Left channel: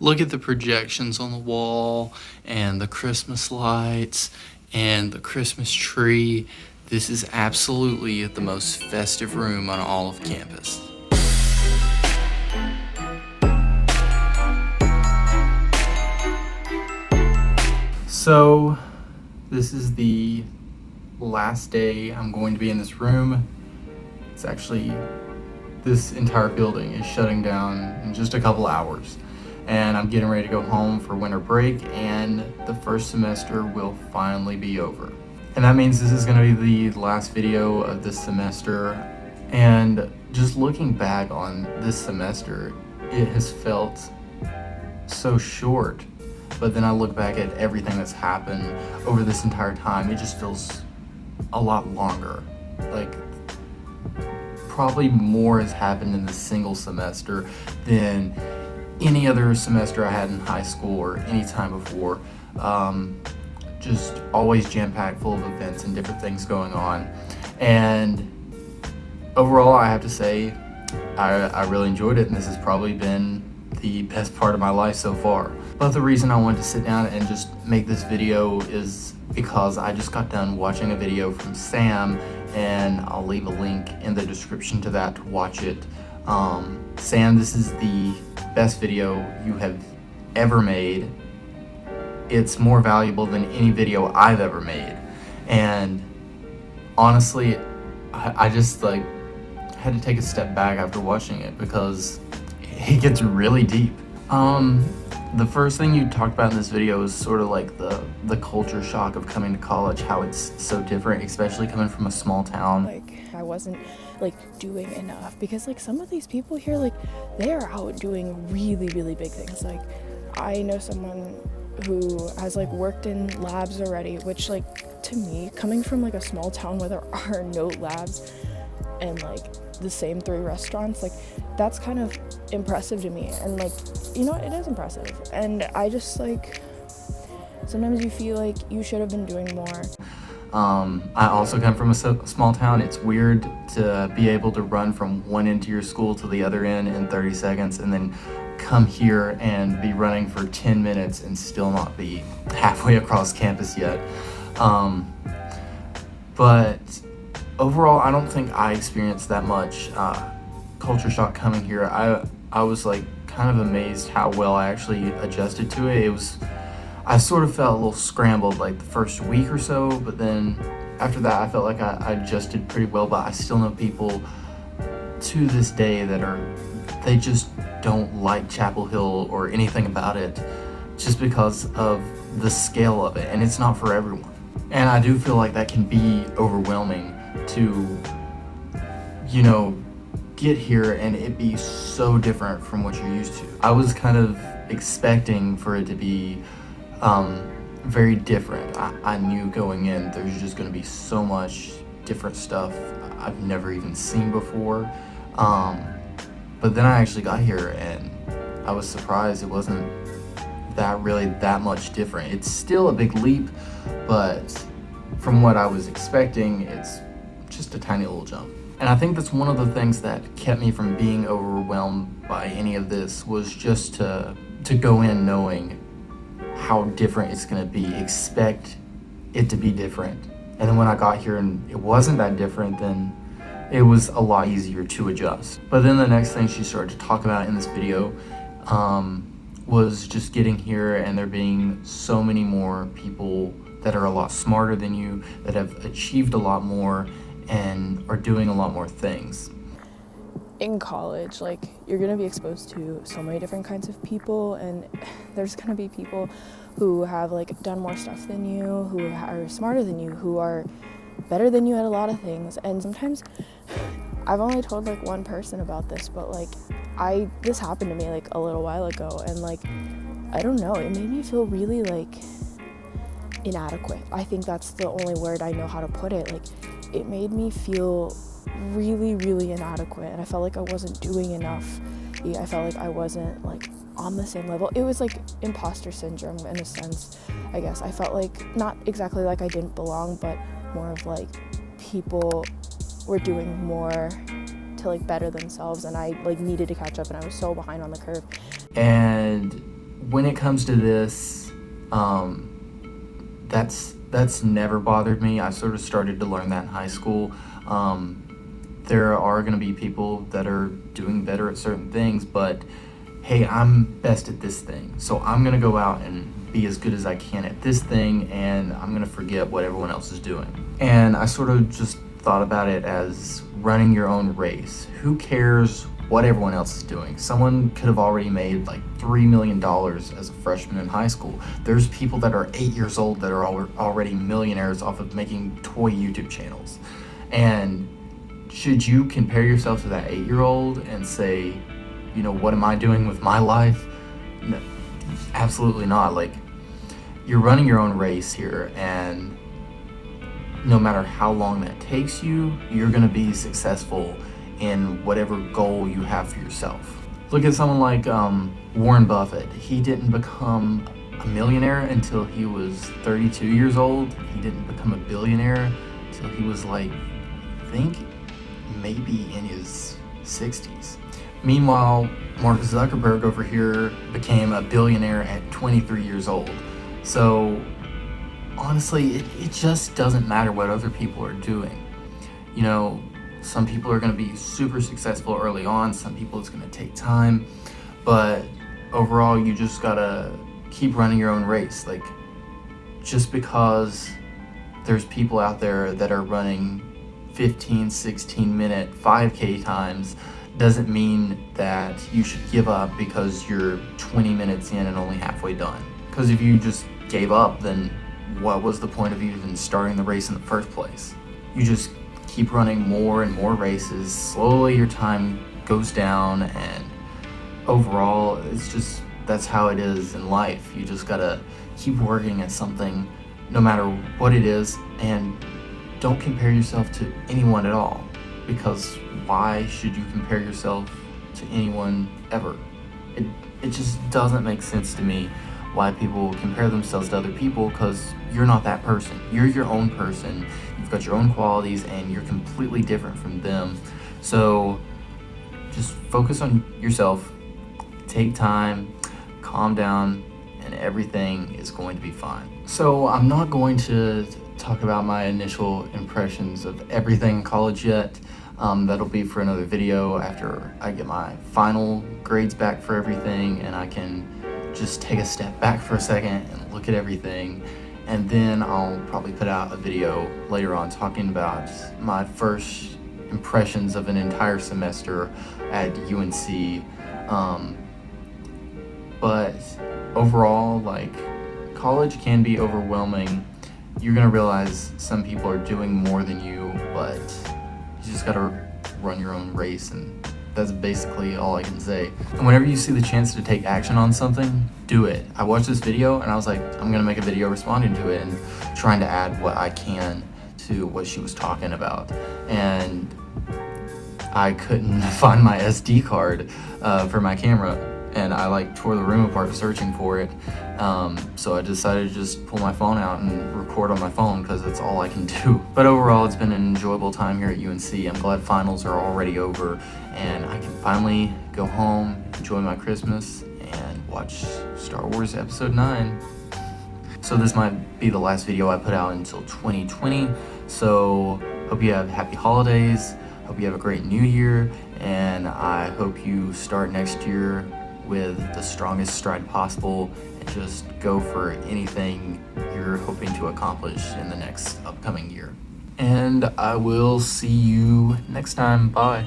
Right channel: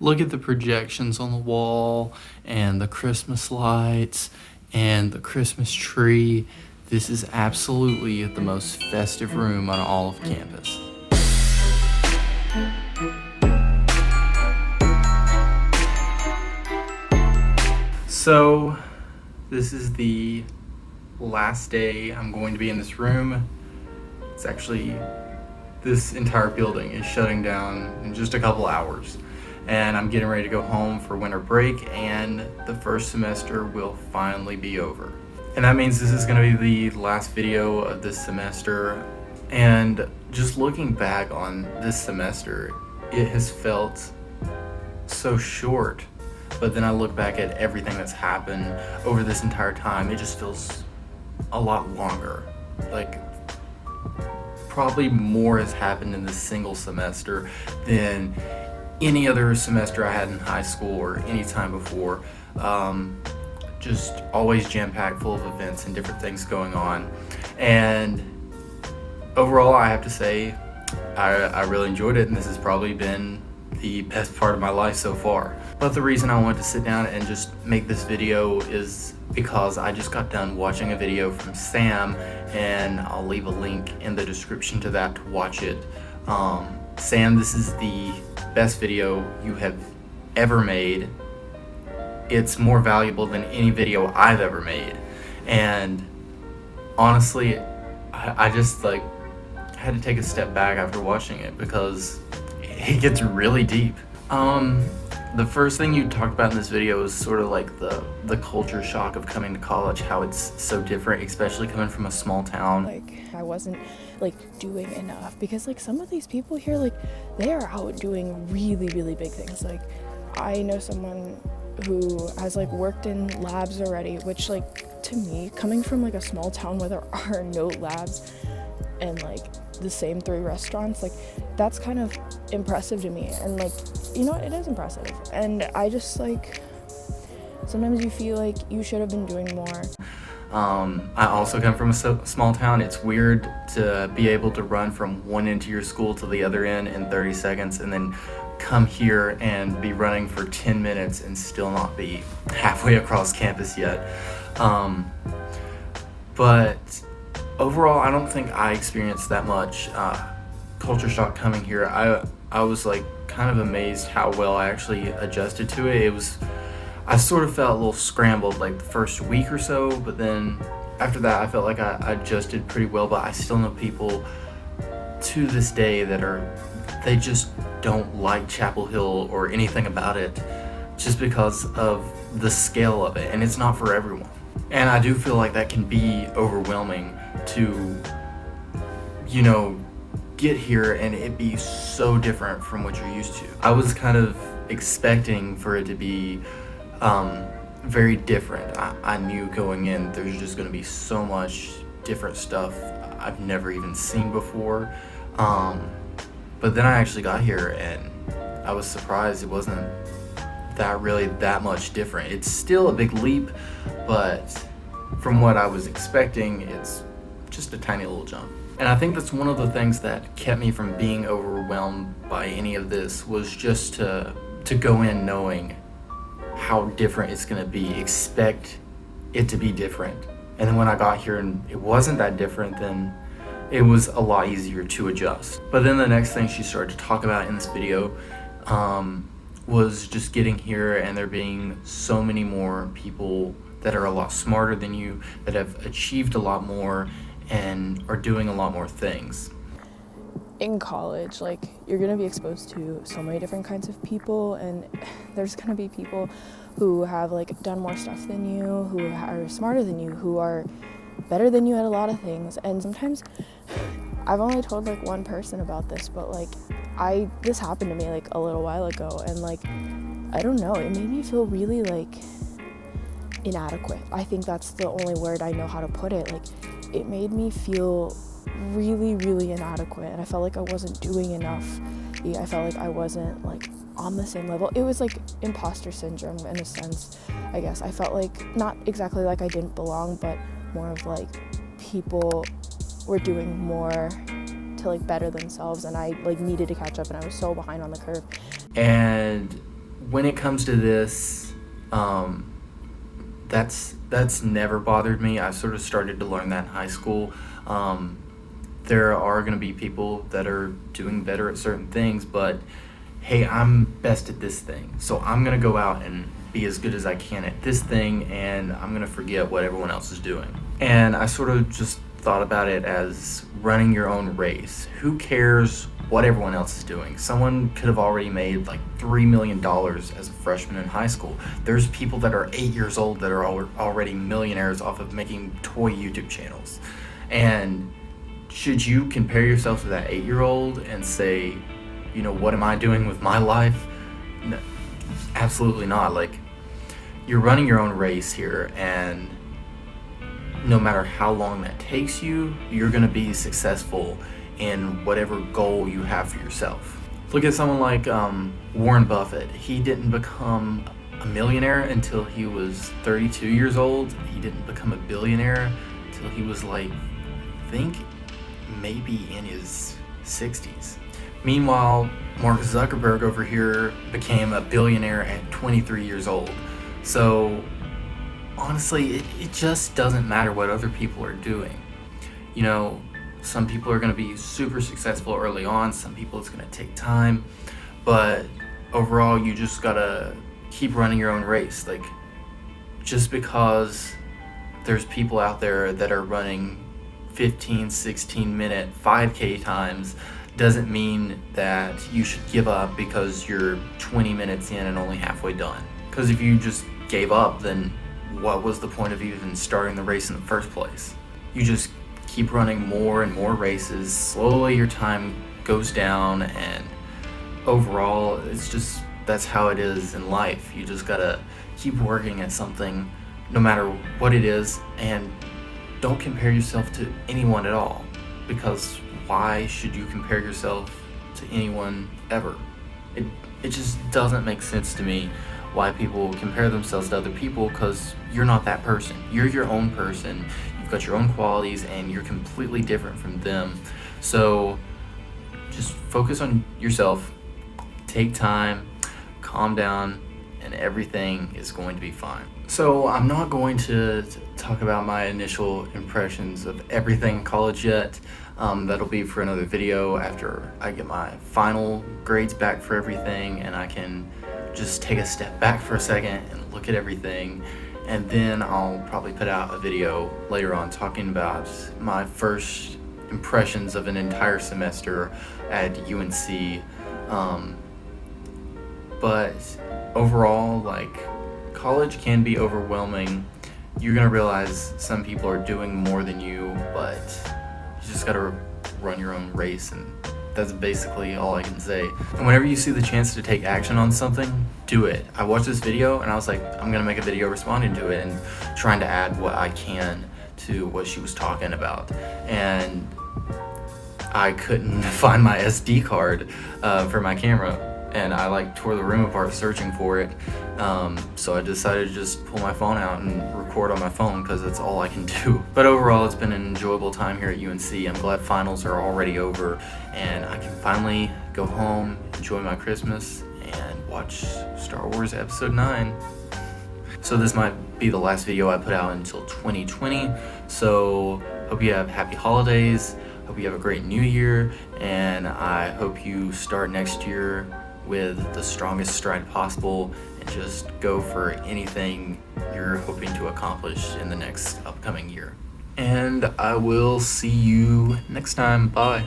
Look at the projections on the wall and the Christmas lights and the Christmas tree. This is absolutely the most festive room on all of campus. So this is the last day I'm going to be in this room. It's actually, this entire building is shutting down in just a couple hours. And I'm getting ready to go home for winter break, and the first semester will finally be over. And that means this is going to be the last video of this semester. And just looking back on this semester, it has felt so short. But then I look back at everything that's happened over this entire time, it just feels a lot longer. Like, probably more has happened in this single semester than any other semester I had in high school or any time before. Just always jam-packed full of events and different things going on. And overall, I have to say, I really enjoyed it, and this has probably been the best part of my life so far. But the reason I wanted to sit down and just make this video is because I just got done watching a video from Sam, and I'll leave a link in the description to that to watch it. Sam, this is the best video you have ever made. It's more valuable than any video I've ever made. And honestly, I just had to take a step back after watching it because it gets really deep. The first thing you talked about in this video is sort of like the culture shock of coming to college, how it's so different, especially coming from a small town. Like, I wasn't doing enough because some of these people here, they are out doing really, really big things. I know someone who has worked in labs already, which to me, coming from a small town where there are no labs and the same 3 restaurants, that's kind of impressive to me. And it is impressive. And I just sometimes you feel like you should have been doing more. I also come from a small town. It's weird to be able to run from one end of your school to the other end in 30 seconds and then come here and be running for 10 minutes and still not be halfway across campus yet. But overall, I don't think I experienced that much culture shock coming here. I was kind of amazed how well I actually adjusted to it. I sort of felt a little scrambled the first week or so, but then after that I felt like I adjusted pretty well. But I still know people to this day they just don't like Chapel Hill or anything about it just because of the scale of it, and it's not for everyone. And I do feel like that can be overwhelming to, get here and it be so different from what you're used to. I was kind of expecting for it to be very different. I knew going in there's just going to be so much different stuff I've never even seen before. But then I actually got here and I was surprised it wasn't that much different. It's still a big leap, but from what I was expecting, it's just a tiny little jump. And I think that's one of the things that kept me from being overwhelmed by any of this, was just to go in knowing how different it's going to be, expect it to be different. And then when I got here and it wasn't that different, then it was a lot easier to adjust. But then the next thing she started to talk about in this video was just getting here and there being so many more people that are a lot smarter than you, that have achieved a lot more and are doing a lot more things. In college, you're gonna be exposed to so many different kinds of people, and there's gonna be people who have done more stuff than you, who are smarter than you, who are better than you at a lot of things. And sometimes I've only told one person about this, but this happened to me a little while ago, and I don't know, it made me feel really inadequate. I think that's the only word I know how to put it. It made me feel really, really inadequate, and I felt I wasn't doing enough. I felt I wasn't on the same level. It was imposter syndrome in a sense, I guess. I felt not exactly I didn't belong, but more of people were doing more to better themselves, and I needed to catch up, and I was so behind on the curve. And when it comes to this, that's never bothered me. I sort of started to learn that in high school. There are going to be people that are doing better at certain things, but hey, I'm best at this thing, so I'm going to go out and be as good as I can at this thing, and I'm going to forget what everyone else is doing. And I sort of just thought about it as running your own race. Who cares what everyone else is doing? Someone could have already made like $3 million as a freshman in high school. There's people that are 8 years old that are already millionaires off of making toy YouTube channels. And should you compare yourself to that 8-year-old and say, you know, what am I doing with my life? No, absolutely not. Like, you're running your own race here, and no matter how long that takes you, you're going to be successful in whatever goal you have for yourself. Look at someone like Warren Buffett. He didn't become a millionaire until he was 32 years old. He didn't become a billionaire until he was like, I think maybe in his 60s. Meanwhile, Mark Zuckerberg over here became a billionaire at 23 years old. So honestly, it just doesn't matter what other people are doing. You know, some people are going to be super successful early on, some people it's going to take time, but overall you just got to keep running your own race. Like, just because there's people out there that are running 15, 16-minute 5K times doesn't mean that you should give up because you're 20 minutes in and only halfway done. Because if you just gave up, then what was the point of even starting the race in the first place? You just keep running more and more races. Slowly your time goes down, and overall it's just, that's how it is in life. You just gotta keep working at something no matter what it is, and don't compare yourself to anyone at all, because why should you compare yourself to anyone ever? It just doesn't make sense to me why people compare themselves to other people, because you're not that person. You're your own person. You've got your own qualities, and you're completely different from them. So just focus on yourself, take time, calm down, and everything is going to be fine. So I'm not going to talk about my initial impressions of everything in college yet. That'll be for another video after I get my final grades back for everything, and I can just take a step back for a second and look at everything. And then I'll probably put out a video later on talking about my first impressions of an entire semester at UNC. But overall, like, college can be overwhelming. You're gonna realize some people are doing more than you, but you just gotta run your own race, and that's basically all I can say. And whenever you see the chance to take action on something, do it. I watched this video and I was like, I'm gonna make a video responding to it and trying to add what I can to what she was talking about. And I couldn't find my SD card for my camera, and I like tore the room apart searching for it. So I decided to just pull my phone out and record on my phone, because that's all I can do. But overall, it's been an enjoyable time here at UNC. I'm glad finals are already over and I can finally go home, enjoy my Christmas, and watch Star Wars Episode 9. So this might be the last video I put out until 2020. So hope you have happy holidays, hope you have a great new year, and I hope you start next year with the strongest stride possible and just go for anything you're hoping to accomplish in the next upcoming year. And I will see you next time. Bye.